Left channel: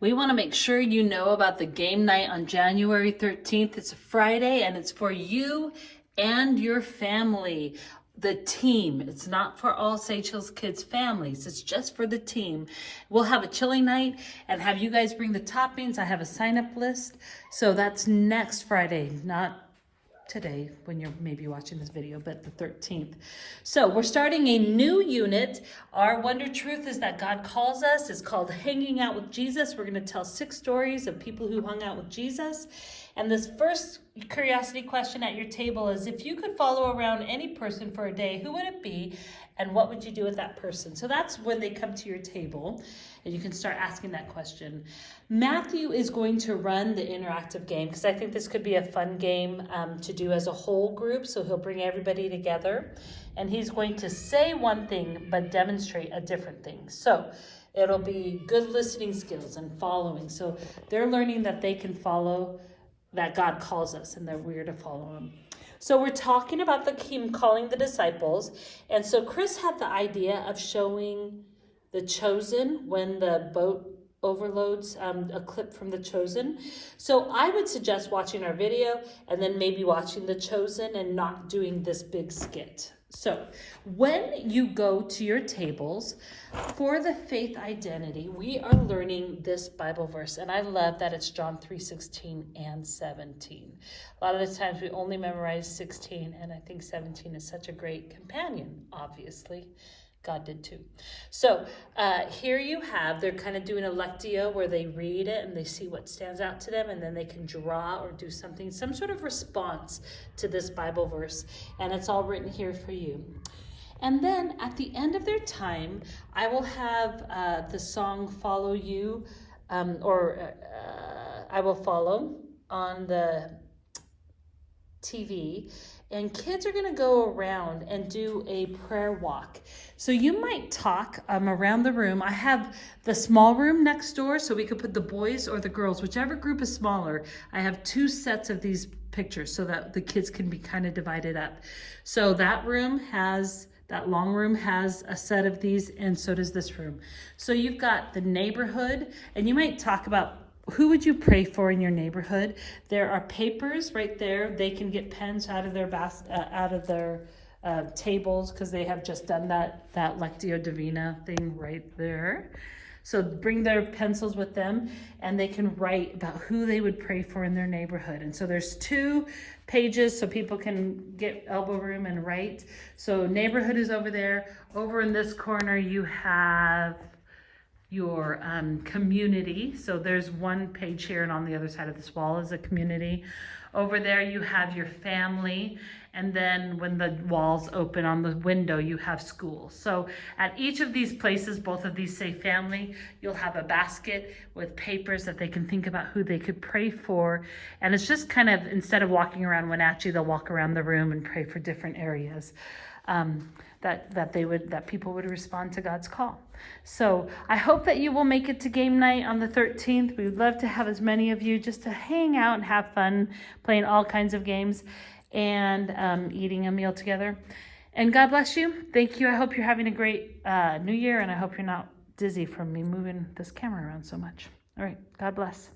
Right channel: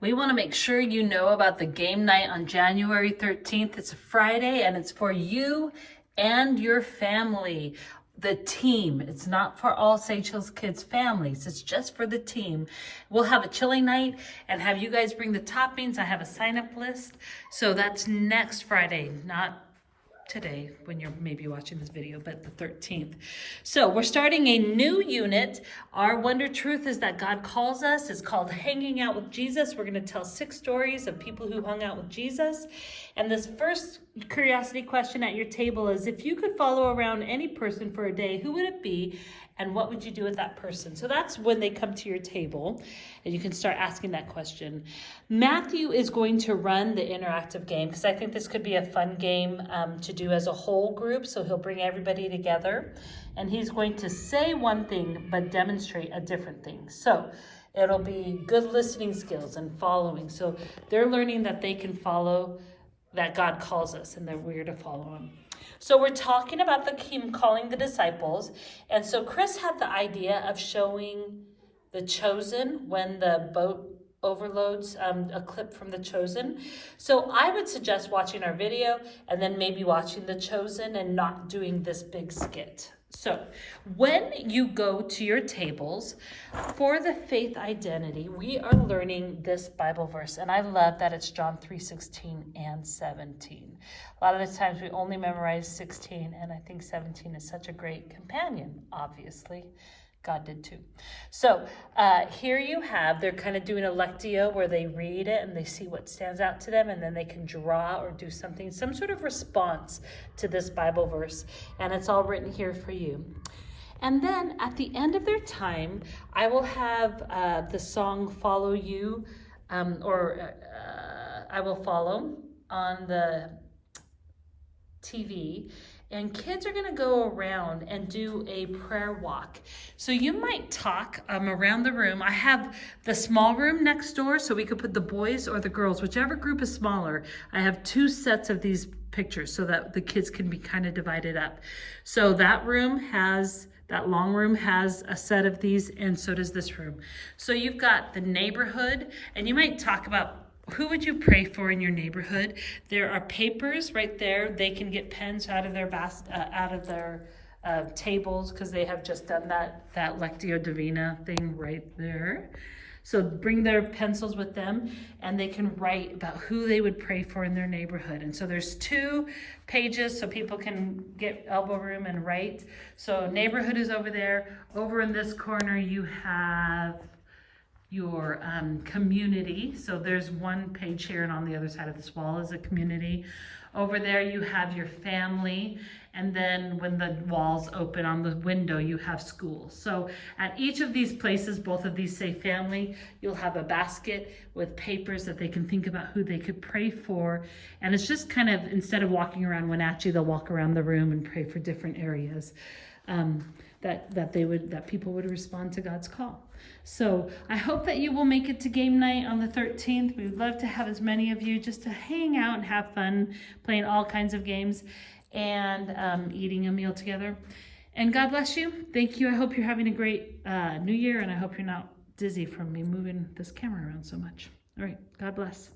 We want to make sure you know about the game night on January 13th. It's a Friday and it's for you and your family, the team. It's not for all Sage Hills Kids families. It's just for the team. We'll have a chili night and have you guys bring the toppings. I have a sign-up list. So that's next Friday, not today when you're maybe watching this video, but the 13th. So we're starting a new unit. Our wonder truth is that God calls us. It's called Hanging Out with Jesus. We're going to tell 6 stories of people who hung out with Jesus. And this first curiosity question at your table is, if you could follow around any person for a day, who would it be? And what would you do with that person? So that's when they come to your table and you can start asking that question. Matthew is going to run the interactive game because I think this could be a fun game to do as a whole group. So he'll bring everybody together and he's going to say one thing but demonstrate a different thing. So it'll be good listening skills and following. So they're learning that they can follow, that God calls us and that we're to follow him. So we're talking about him calling the disciples. And so Chris had the idea of showing The Chosen when the boat overloads, a clip from The Chosen. So I would suggest watching our video and then maybe watching The Chosen and not doing this big skit. So when you go to your tables for the faith identity, we are learning this Bible verse. And I love that it's John 3:16 and 17. A lot of the times we only memorize 16, and I think 17 is such a great companion, obviously. God did too. So here you have, they're kind of doing a lectio where they read it and they see what stands out to them, and then they can draw or do something, some sort of response to this Bible verse. And it's all written here for you. And then at the end of their time, I will have the song Follow You, I Will Follow on the TV. And kids are going to go around and do a prayer walk. So you might talk around the room. I have the small room next door, so we could put the boys or the girls, whichever group is smaller. I have 2 sets of these pictures so that the kids can be kind of divided up. So that long room has a set of these, and so does this room. So you've got the neighborhood, and you might talk about who would you pray for in your neighborhood. There are papers right there. They can get pens out of their tables because they have just done that Lectio Divina thing right there. So bring their pencils with them and they can write about who they would pray for in their neighborhood. And so there's 2 pages so people can get elbow room and write. So neighborhood is over there. Over in this corner you have your community. So there's 1 page here, and on the other side of this wall is a community. Over there you have your family, and then when the walls open on the window you have school. So at each of these places, both of these say family, you'll have a basket with papers that they can think about who they could pray for. And it's just kind of, instead of walking around Wenatchee, they'll walk around the room and pray for different areas. That people would respond to God's call. So I hope that you will make it to game night on the 13th. We would love to have as many of you just to hang out and have fun playing all kinds of games and eating a meal together. And God bless you. Thank you. I hope you're having a great new year, and I hope you're not dizzy from me moving this camera around so much. All right. God bless.